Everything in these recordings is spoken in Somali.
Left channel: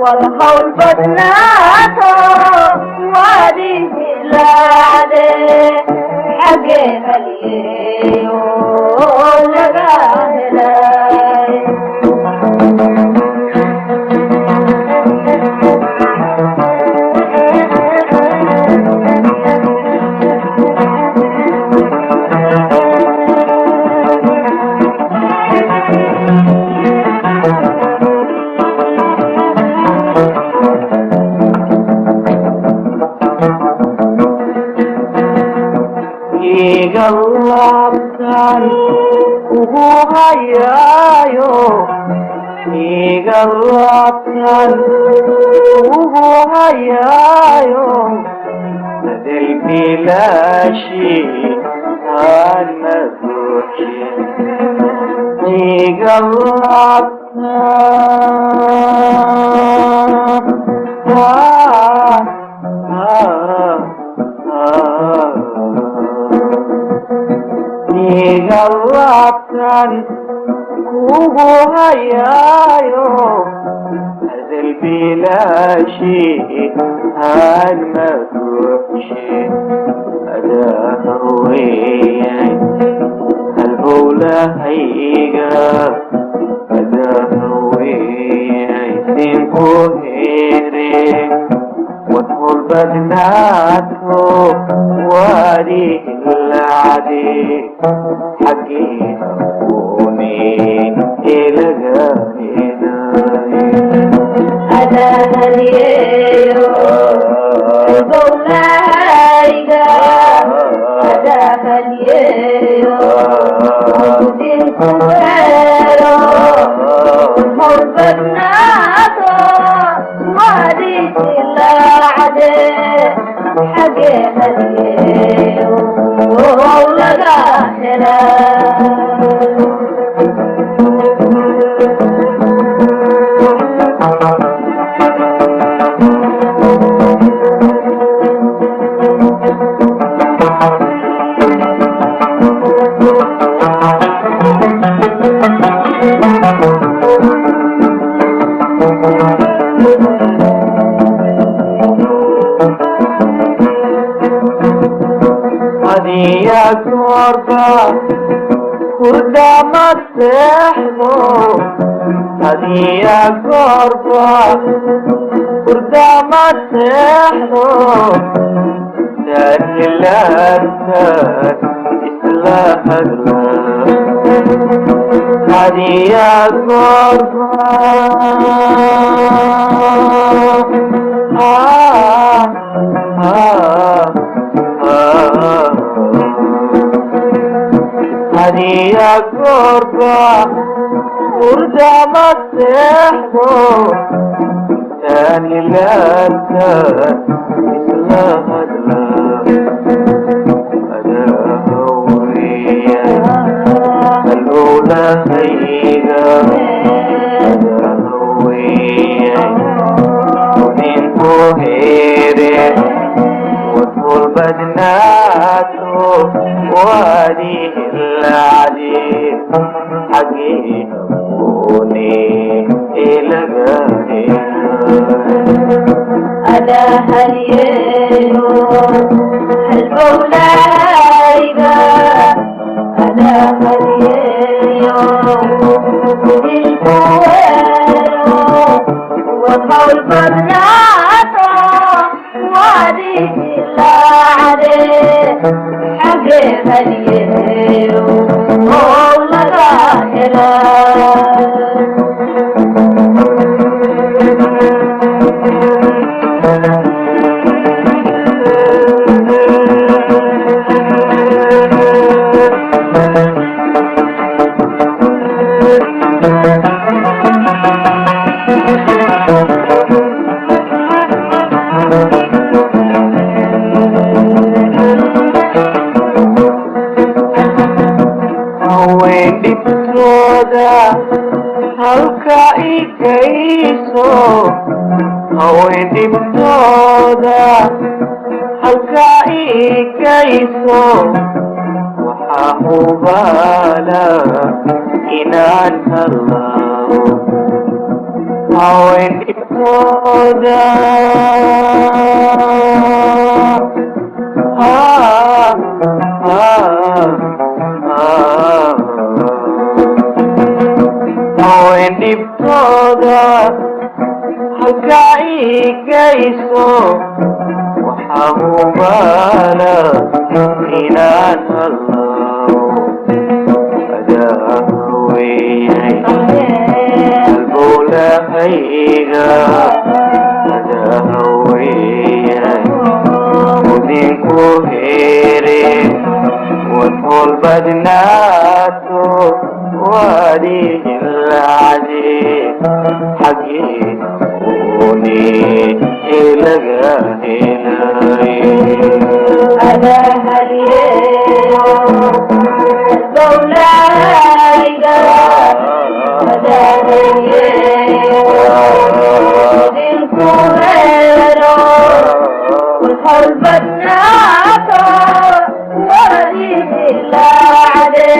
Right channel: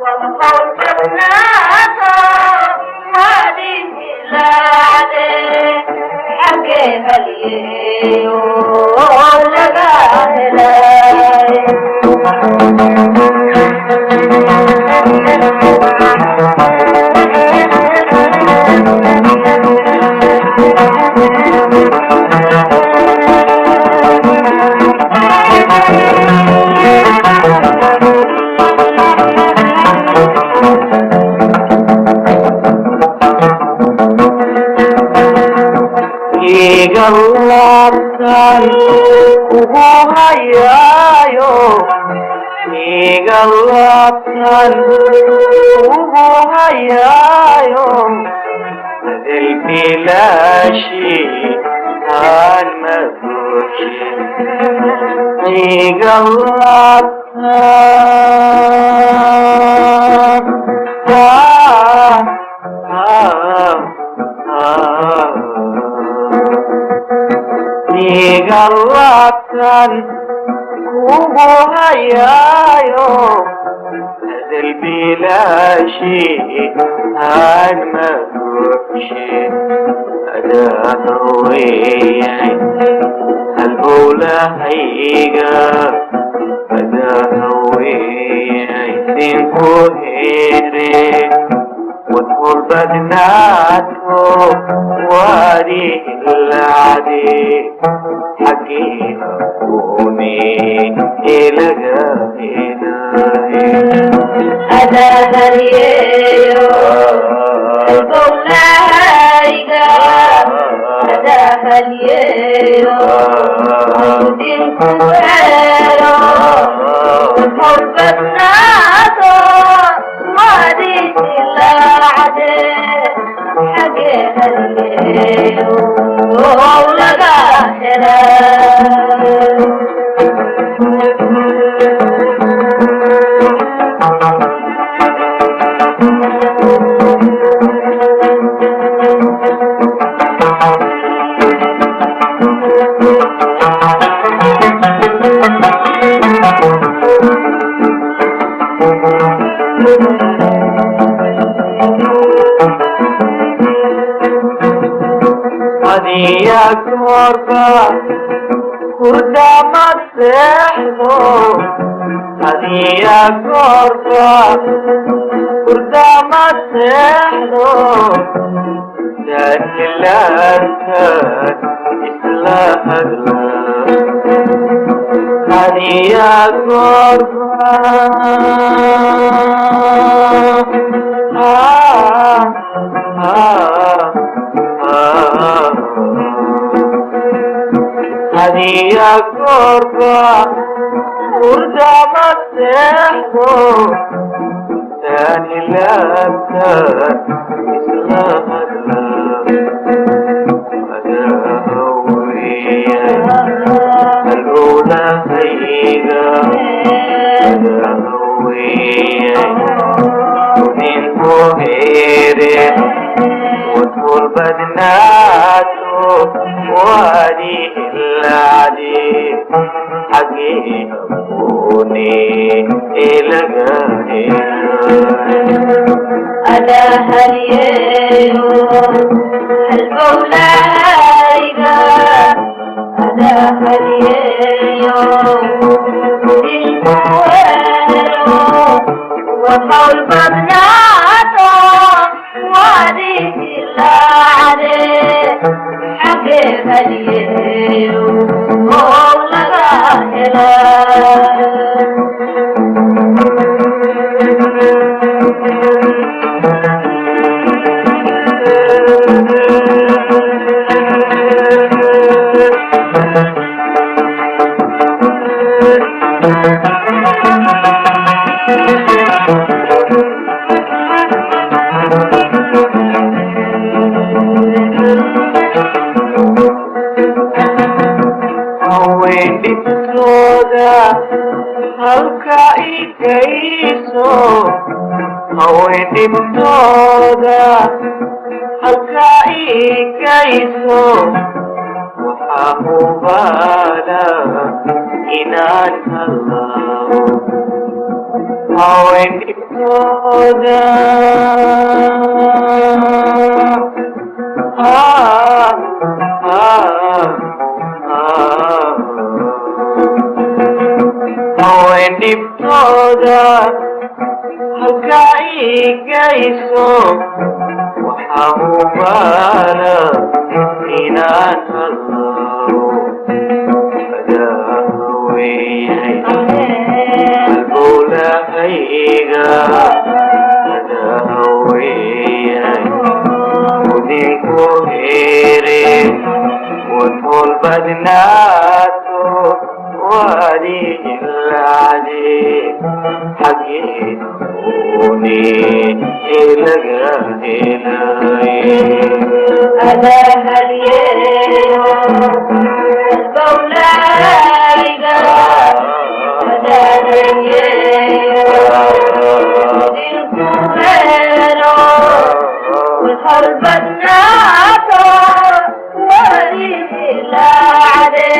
وادخل بدناته واديه العدي حقي أبوني إلغاني على هاليو البولايقة على هاليو إشكوينو وحول بناتو وادي العدي حقي هاليو مولغا halka igayso haweenimtooda halka igayso waxaa hubaala inaan halaabo haweenimtooda haweenimtooda halka igayso waxaa hubaala inaan halaabo adaa haweyay halbowlahayga adaa haweyay udinku heere wadhool badnaato وادي العدي حقي أبوني إلغاني على هاليو البولايقة على هاليو دينكو غيرو والحول بناتو وادي العدي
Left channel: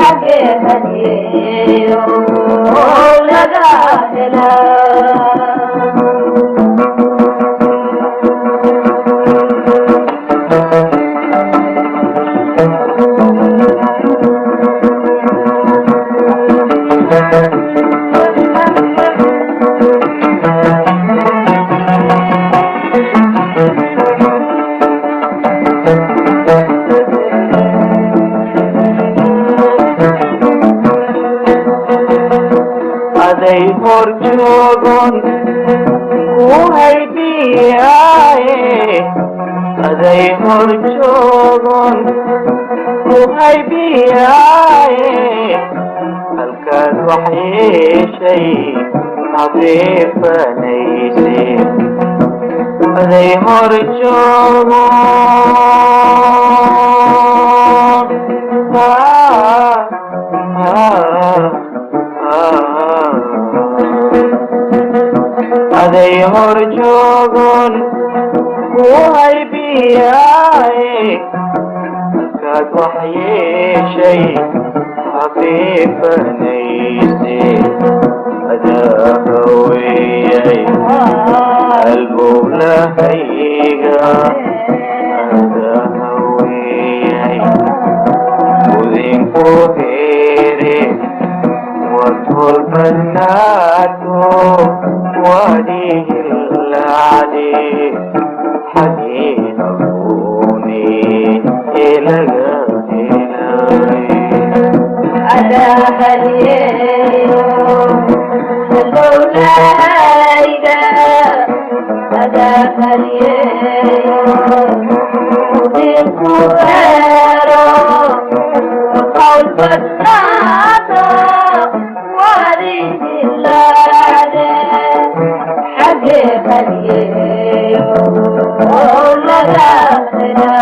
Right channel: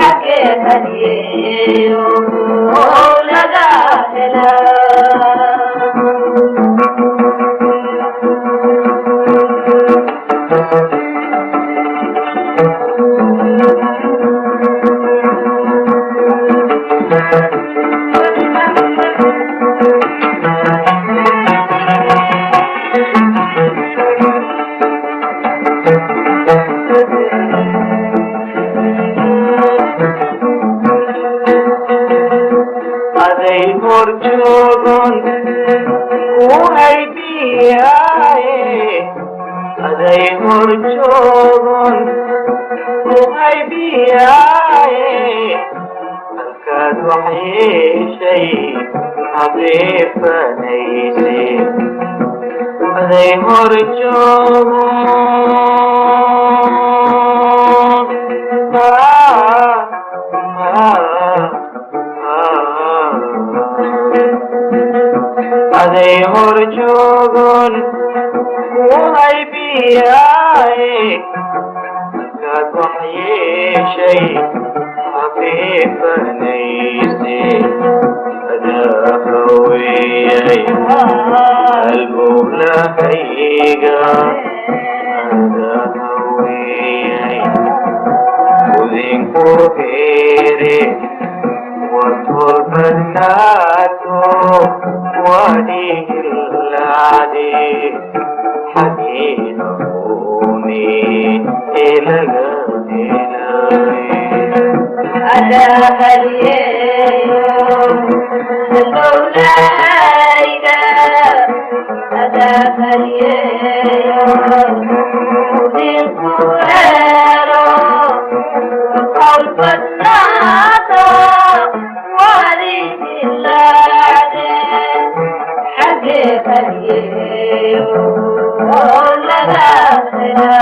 حقي هديو لقى هلا aday horjoogon ku haybiyaaye aday horjoogon ku haybiyaaye halkaad wax yeeshay habeefanayse aday horjoogon aday horjoogon ku haybiyaaye halkaad wax yeeshay habeefanayse adaa haweyay halbowlahayga adaa haweyay udinku heere wadhool badnaato وادي العدي حقي أبوني إلغاني على هاليو البولايقة على هاليو دينكو غيرو وقول بناتو وادي العدي حقي هديو لقى هلا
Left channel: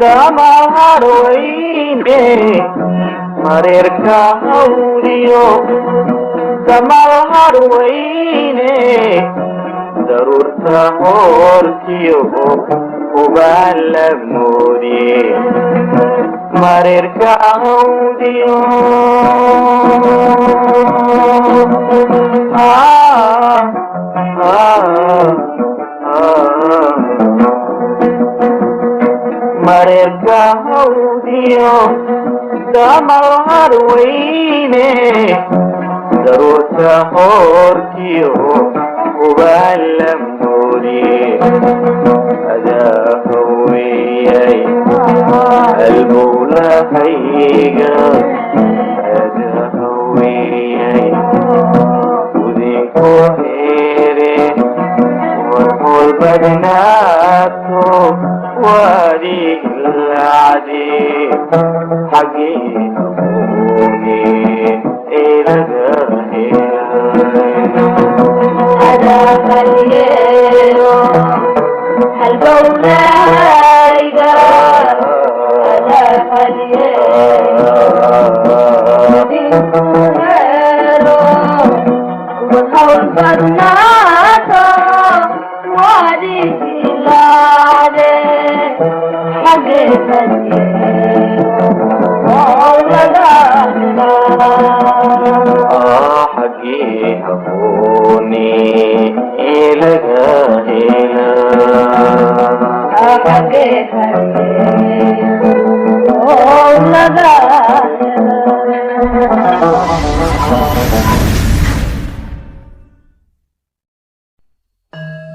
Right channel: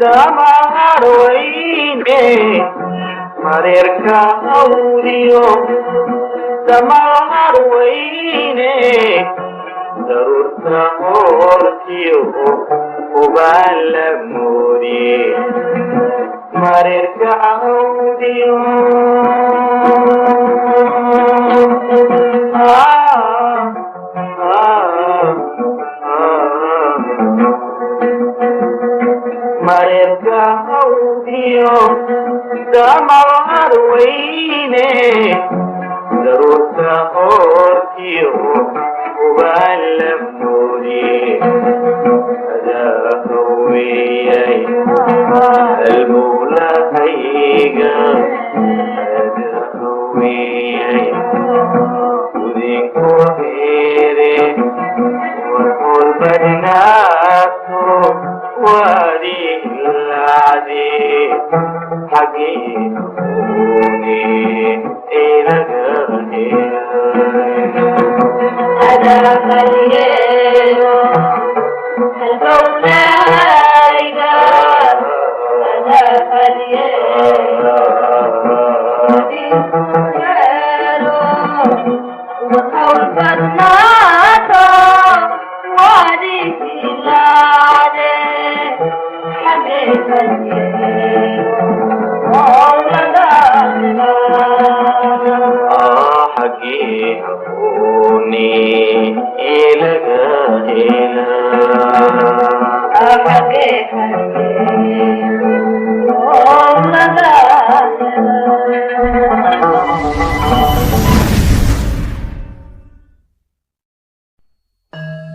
damahar weyne mareerka hawdiyo damahar weyne daruurta hoortiyo ubaan la moodiye mareerka hawdiyo mareerka hawdiyo damahar weyne daruurta hoortiyo ubaan la moodiye adaa haweyay halbowlahayga adaa haweyay udinku heere warhool badnaato waadi ilacdi xaggii habuuni ilaga adaa halyeelo halbowlahayga adaa halyeelo udinku heelo warhool badnaato waadi ilacde xaggee halyeelo laga xaggii habuuni ilaga hela xaggee halyeelo laga